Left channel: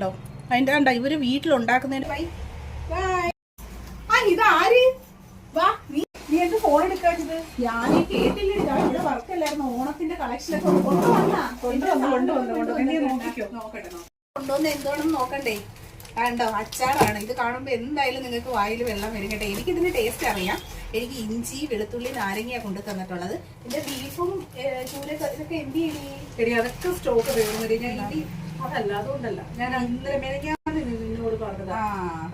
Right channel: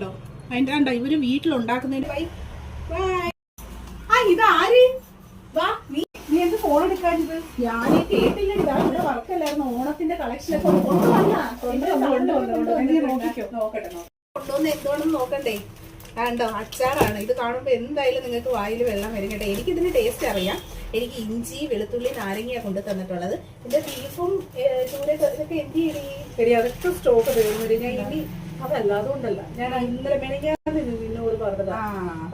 ഉണ്ടോ അതിന്റെ കണ്ട ഇവര് വീട്ടിലുണ്ടാക്കുന്നതിന് ഇതാര് വാ നീ എന്ത് ഫോൺ എടുക്കാഞ്ഞത്? ഞാൻ കേട്ടില്ല. ഇവിടെ വർക്കല്ലായിരുന്നു. ഓണത്തിന്റെ കളക്ഷനൊക്കെ കൊണ്ടുവന്ന് എന്തോണെന്ന് നോക്കണ്ടേ? കണ്ടോ അച്ചാറാണ്. ഇത് കാണുമ്പോ എന്തായാലും നിങ്ങൾക്ക് വായിൽ വെള്ളം വരും കേട്ടോ. എനിക്ക് ഇതിന്റെ ടേസ്റ്റ് അറിയാം. എനിക്ക് ഇഞ്ചി വെളുത്തുള്ളി നാരങ്ങയാണ് കൊണ്ടു തന്നിട്ടുള്ളത്. എന്റെ ബീഫും ചൂരൊക്കെ ഇതൊക്കെ എന്ത് ചെയ്യണേ? അതൊക്കെ സ്റ്റോക്ക് തീർന്നു. ഞാൻ ഇനി അതല്ല അതുകൊണ്ടല്ല ഞാൻ ഇന്നലെ നിന്നോട് പറഞ്ഞത്.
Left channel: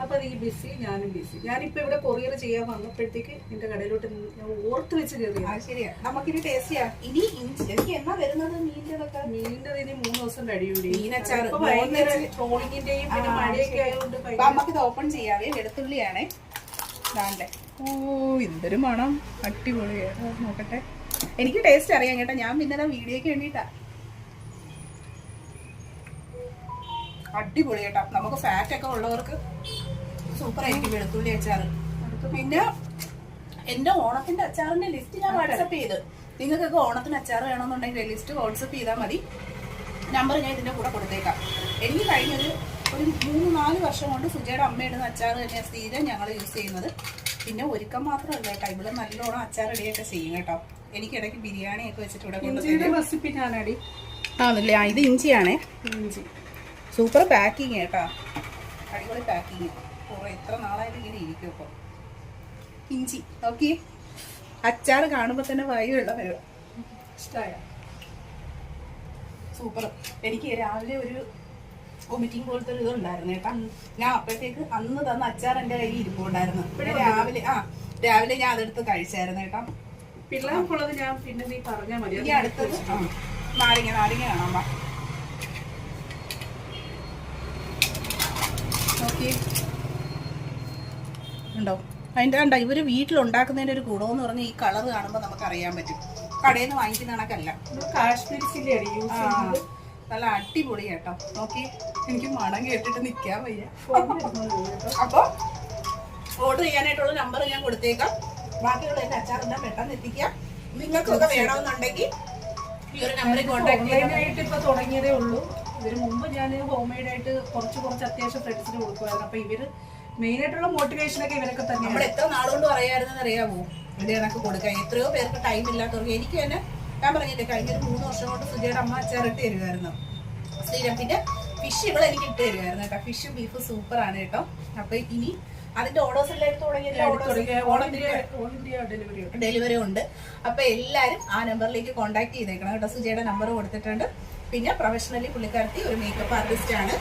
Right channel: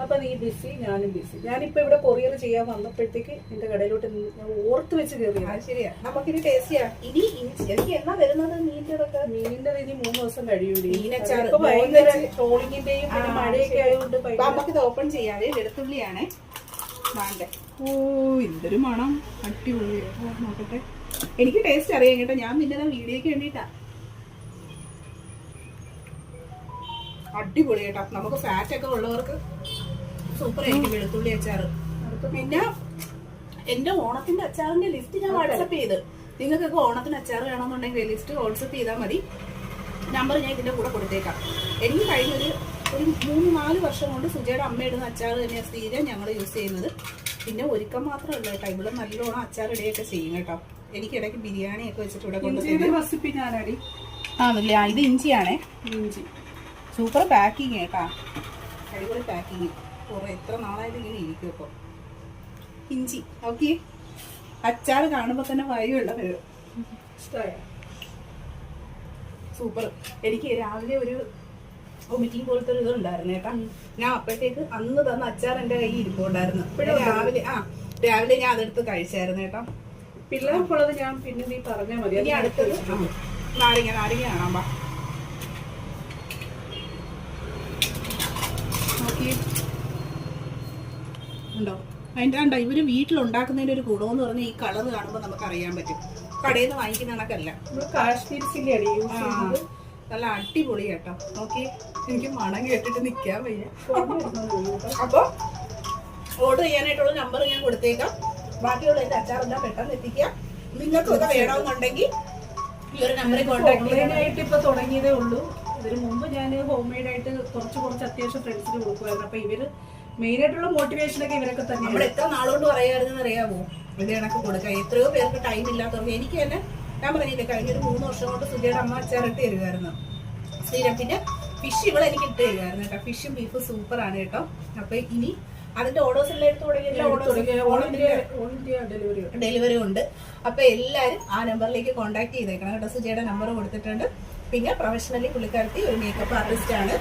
അപ്പൊ നീ ബിസി, ഞാനും ബിസി. ഞാനിപ്പോ ഇവിടെ കൊറിയർ ചെയ്യാൻ വന്നപ്പോഴത്തേക്ക് എന്റെ കടയിലോട്ട് ഞാൻ ഓർത്ത് വെച്ച് കയറിയത്. ശരിയാ, നമുക്കിനി ടേസ്റ്റ് ചെയ്യാം. ഇനി എനിക്ക് എന്നാ വരുന്നത് മീനിന്റെ? മീനിന്റെ ഇനി 3 ദിവസം കഴിയൂടി. ഭയങ്കര ട്രോളിങ്ങിന്റെയും പിന്നെ മഴയൊക്കെ ആയതുകൊണ്ട് നമുക്കിത് ഓപ്പൺ ചെയ്യാവേ. വെളുത്തുള്ളിയാണേ. ഓ എന്തൊരു മണം, അടിപൊളിയാണ്. നോക്കട്ടെ, എനിക്ക് ടേസ്റ്റ് അറിയാം കേട്ടോ. ഞാൻ പിന്നെ വീഡിയോക്ക് വേണ്ടിട്ടാ. അടിപൊളി കേട്ടോ. നമുക്ക് ഫാറ്റ് ഒക്കെ ഉള്ളവർക്ക് സൂപ്പർ ആയിരിക്കും വെളുത്തുള്ളി അച്ചാറ്. പിന്നെ എന്റെ ഓണത്തിന്റെ അച്ചാറിന്റെ ലിസ്റ്റ് ഞാൻ വാട്സപ്പ് ചെയ്ത്, നിങ്ങൾക്കൊക്കെ ഓണത്തിന് അച്ചാർ വേണമെന്നുണ്ടെങ്കിൽ ലിസ്റ്റ് വാട്സപ്പ് ചെയ്താൽ മതി. നമ്പർ ഞാൻ ഇതിന്റെ കൂടെ കൊടുത്തേക്കാം. എനിക്ക് കഴിഞ്ഞൊരു 3-4 വർഷം കൊണ്ട് സുജയുടെ അമ്മ ഇടുന്ന അച്ചാർ തന്നെയാണ് സ്ഥിരം ഞങ്ങൾ യൂസ് ചെയ്യുന്നത്. പിന്നെ ഒരുക്കം മാത്രമല്ല കേട്ടോ, ഇവിടെ നല്ലോണം അച്ചാർ ഇടുകയൊക്കെ ചെയ്യും കേട്ടോ. എനിക്കിടയ്ക്ക് ബിരിയാണിയൊക്കെ വെച്ചിട്ട് ഇവിടെ കൊണ്ടുവരുന്ന റെസിപ്പി ഞാനടി ആണല്ലേ. ഇത് ഇഞ്ചിയാണേ. ഇഞ്ചി സൂപ്പർ പാക്കിങ് കേട്ടാ, അടിപൊളി പാക്കിങ്. കുറെ എത്ര നാളായാലും ഇങ്ങനെ ഇരിക്കും. അപ്പോൾ ഇഞ്ചി ഓക്കെ. അച്ചാർ കാണുമ്പോൾ തന്നെ വായു വെള്ളം വരും. ഇഷ്ടമായ സൂപ്പർ. എനിക്ക് രാവിലെ ഒരു വൊമിറ്റിംഗ് പോലത്തെ ഒരു ഇതുണ്ടായിരുന്നു കേട്ടാ. ഞാൻ അപ്പോഴത്തേക്ക് അന്ന് തന്ന അച്ചാർ എൻ്റെ കയ്യിൽ ഇരിപ്പുണ്ടായിരുന്നു. രാവിലെ ഞാൻ അതെടുത്ത് കഴിച്ചായിരുന്നു കേട്ടാ. പിള്ളേർക്കുള്ളത് ഞാൻ പിന്നെ നീ പറഞ്ഞാൽ മതി. ഇനി അടുത്തത് നാരങ്ങ കാണാൻ പാ. ഉണ്ടോ അതിന്റെ കണ്ട ഇവര് വീട്ടിലുണ്ടാക്കുന്നതിന്റെ ഒരു ഗുണമെന്ന് പറഞ്ഞാൽ ഈ കളർ കാണുമ്പോൾ നമുക്ക് അറിയാൻ പറ്റും. കടയിൽ നിന്ന് വാങ്ങിക്കുന്ന കണക്കല്ല. കാശ്മീരി ചില്ലിയാണ് യൂസ് ചെയ്യുന്നത്. നല്ല അടിപൊളി കേട്ടോ. നോക്കി, എനിക്ക് മണം കേട്ടിട്ട് നിൽക്കാൻ വയ്യ. അപ്പൊ ഓർഡർ ചെയ്യാനായിട്ടുള്ള നമ്പർ ഞാൻ കൊടുത്തേക്കാം. ബാക്കിയുള്ള എന്റെ അച്ചാറെല്ലാം പെട്ടെന്ന് എത്തിക്കാം. നിങ്ങൾക്കൊക്കെ വേണമെന്നുണ്ടെങ്കിൽ ഈ ഒരു നമ്പറിൽ കോൺടാക്ട് ചെയ്യാനായിട്ട് ഇപ്പൊ തുടങ്ങിയതേ ഉള്ളൂ. ഇതിന് മുമ്പ് ഞാൻ ഹോം മെയ്ഡ് ആയിട്ട് കുറച്ച് അത്യാവശ്യം ഫ്രണ്ട്സിന് കൊടുക്കുമായിരുന്നു. അപ്പൊ ഇവര് മെയിൻ ആയിട്ടുള്ള മോട്ടിവേഷനൊക്കെ ഇവരൊക്കെ തന്നെ. നമ്മൾ എത്ര നാളുകൊണ്ട് പറയാമായിരുന്നു അറിയാമോ? ഇവിടെ കണക്ക് കൊടുക്കാം. എത്രയോ പേർക്ക് ടൈം ഇല്ലാത്തവർക്ക്. എനിക്ക് തന്നെ ഞാൻ പറഞ്ഞില്ലേ, കഴിഞ്ഞൊരു 3 വർഷം കൊണ്ട് സുജയുടെ അമ്മ അച്ചാറിട്ട് തരുമായിരുന്നു സ്ഥിരം. പിന്നെ ഫിഷ് ഇവിടെ എനിക്ക് ഇട്ട് തരുമായിരുന്നു കേട്ടോ. ഫിഷും ബീഫും സൂപ്പറാണ് കേട്ടോ. അപ്പൊ ഇനി അതിന്റെ ഓർഡേഴ്സ് എല്ലാം ഡെലിവറി ഉണ്ട്. അപ്പൊ എല്ലാരും ആ നമ്പറിലേക്ക് കോൺടാക്ട് ചെയ്തേക്കണം കേട്ടോ. സുജയുടെ നമ്പർ കൊടുത്തിട്ടുണ്ട്. പിന്നെ പ്രൊഫഷണലി പുള്ളിക്കാരത്തി ഒരു മേക്കപ്പ് ആർട്ടിസ്റ്റ് ആണ്.